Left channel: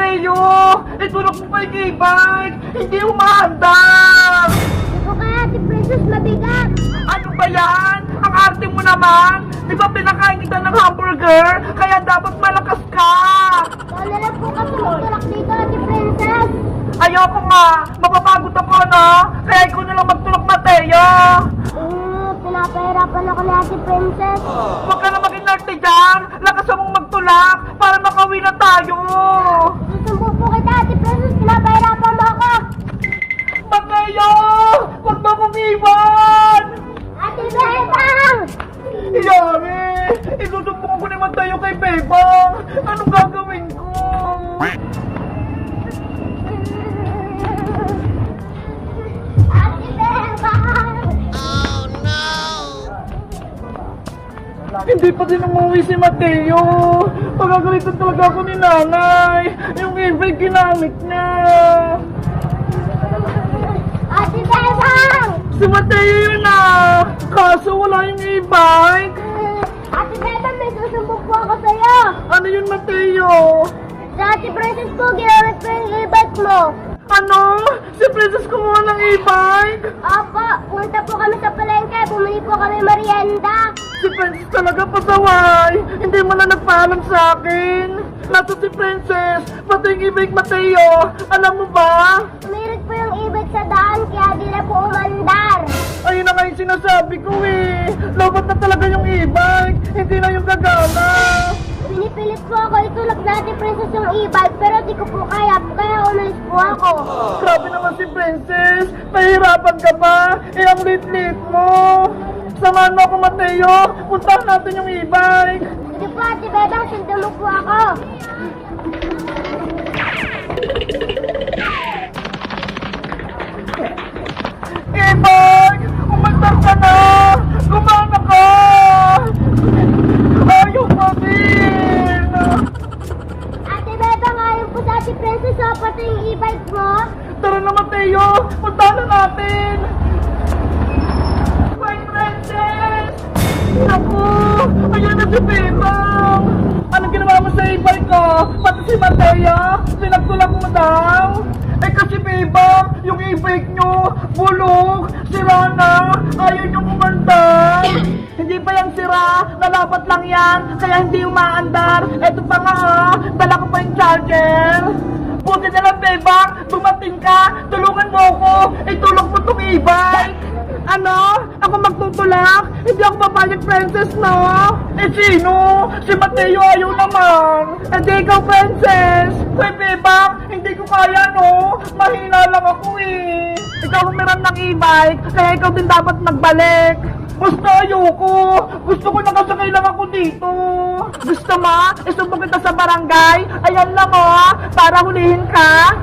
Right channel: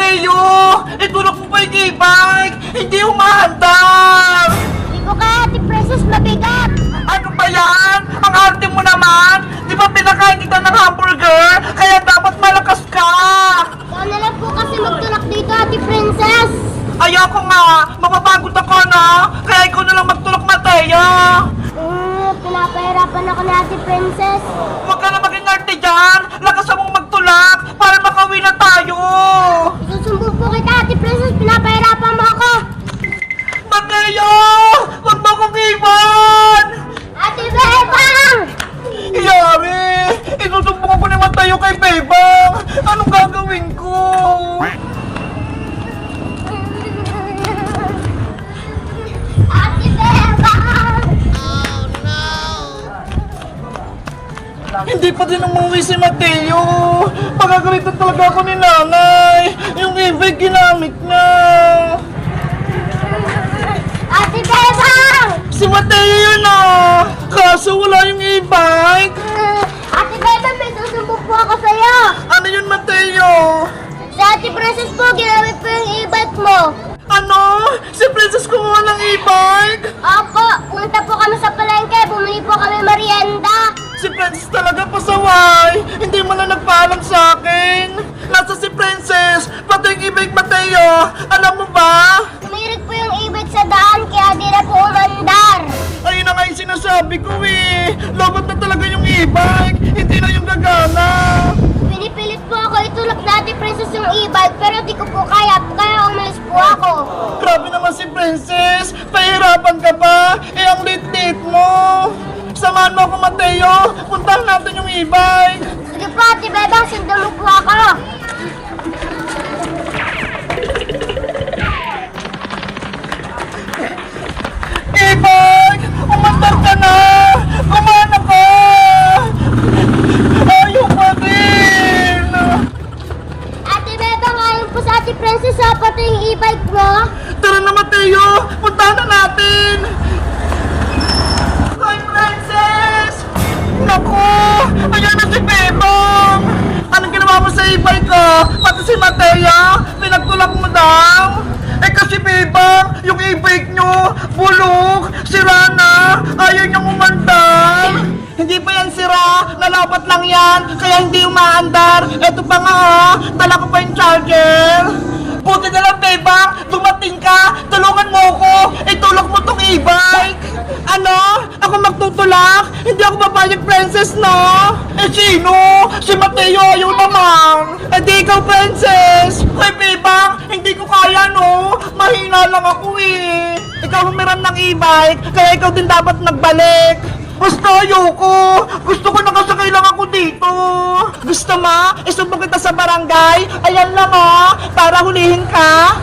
Mateo! Itulog mo pa yung e-bike! Hindi umaandar! Hindi ko kaya, Ate Princess, mabigat. Ano ba yan? Ang arte mo naman! Di ba pinakain kita ng hamburger? Kaya dapat malakas ka! Ikaw na lang po kasi magtulak dito, Ate Princess. Ayoko nga! Mapapagod ako, no? Kaya ikaw na lang magtulog, Mateo! Pinapahirapan ako ni Ate Princess. Huwag ka na maging arte dyan! Lakasan mong magtulak para makauwi na tayo! Susumbong po kita, Ate Princess. Pinapahirapan mo ako. Mateo! Huwag mo akong iwan! Ate Bebang! Yari! Isusumbong ako ni Mateo kay Bebang! Anong gagawin ko? Ate Bebang! Hindi pa din umuwi si Mateo! Pagagalitan talaga ako ni nanay! Yung e-bike ginamit niya! Ate Bebang! Si Mateo yun ah! Kaso wala yung e-bike! Ate Bebang, may susumbong po ako sa'yo. Ano yun, Mateo? Sa Ate Princess po, ginamit po yung e-bike mo. Ano? Si Princess kumuha ng e-bike? Opo, punta po kami sa palengke. Bumili po kami merienda. Si Princess talaga pasaway! Hindi mo lang nagpaalam sa akin! Nasa si Princess! Pati yung e-bike, Mateo! Alam mo ba? Tumirik po yung e-bike sa daan, kaya di na po umandar. Ayun na nga yung sinasabi ko eh! Lobat na talaga yung e-bike! Hindi na yung gagana! Pinipilit po ako itulak na Ate Princess yung e-bike, pero di ko po kaya umalis po ako. Grabe naman si Princess! Pahirapan ka pa! Eh ang lit-lit mo! Samahan mo ako, Mateo! Puntahan natin yung e-bike! Sige po, Ate Bebang, sundan mo po ako. E-bike! Umandar ka na! Gumana ka! Ayaw pa din! Ate Bebang, ayon po sa Ate Princess, pati yung e-bike mo. Tara na, Mateo! Puntahan na natin! Hi, Princess! Naku! Ayan na si Bebang! Anong ginawa mo sa e-bike ko? Pati si Mateo? Pinagtulak mo daw? Eh kasi Bebang, yung e-bike nyo, bulok, sira na, ayaw niyang umandar. Hindi pa yan sira, nalapat lang yan, kaya hindi umaandar. Eto pa nga dala ko pa yung charger. Buti na lang Bebang, dumating ka, tulungan mo ako, itulak mo tong e-bike. Ano? Ako magtutulak? Hindi ako papayag, Princess, no? Eh sino? Si Mateo ayaw naman. Eh di ikaw, Princess. Hoy, Bebang, hindi ko kaya, no? Mahina lang ako eh. Ikaw humiram ng e-bike, kaya ikaw din dapat nagbalik. Basta ayoko. Gusto ko nakasakay lang ako dito. Gusto mo? Isumbong kita sa barangay. Ayan lang para hulihin ka.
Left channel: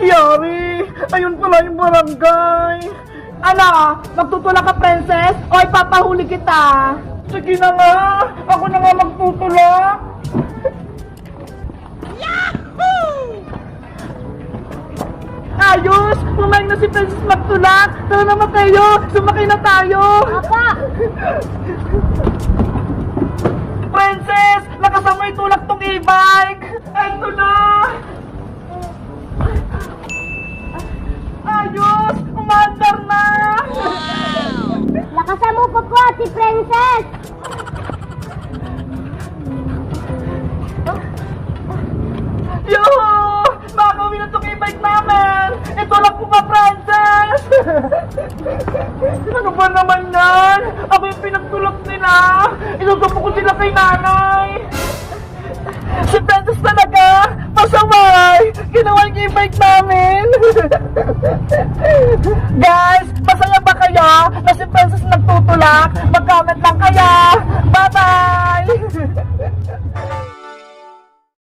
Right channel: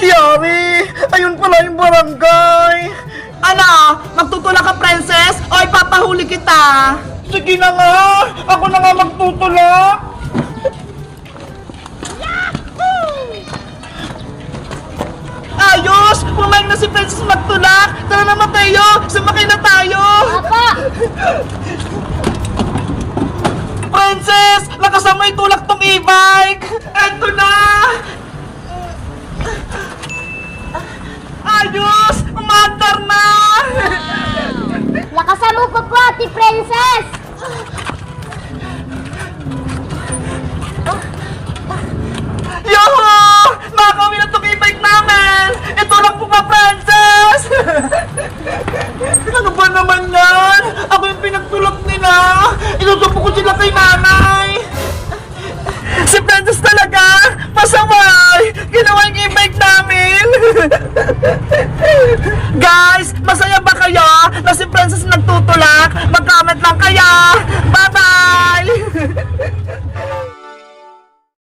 Yari, ayun pala yung barangay. Ano? Magtutulak ka, Princess? O ipapahuli kita? Sige na nga. Ako na nga magtutulak. Ayos! Pumayag na si Princess magtulak! Tara na, Mateo! Sumakay na tayo! Papa! Princess! Lakasan mo itulak tong e-bike! Eto na! Ayos! Umandar na! Lakasan mo pa po, Ate Princess! Yoho! Nakakawin na tong e-bike namin! Itulak mo pa, Princess! Ano ba naman yan? Ako yung pinagtulak nila! Inutupo ko sila kay nanay! Si Princess talaga! Pasaway! Ginawa yung e-bike namin! Guys, masaya ba kayo na si Princess nagtutulak? Mag-comment lang kaya! Bye-bye!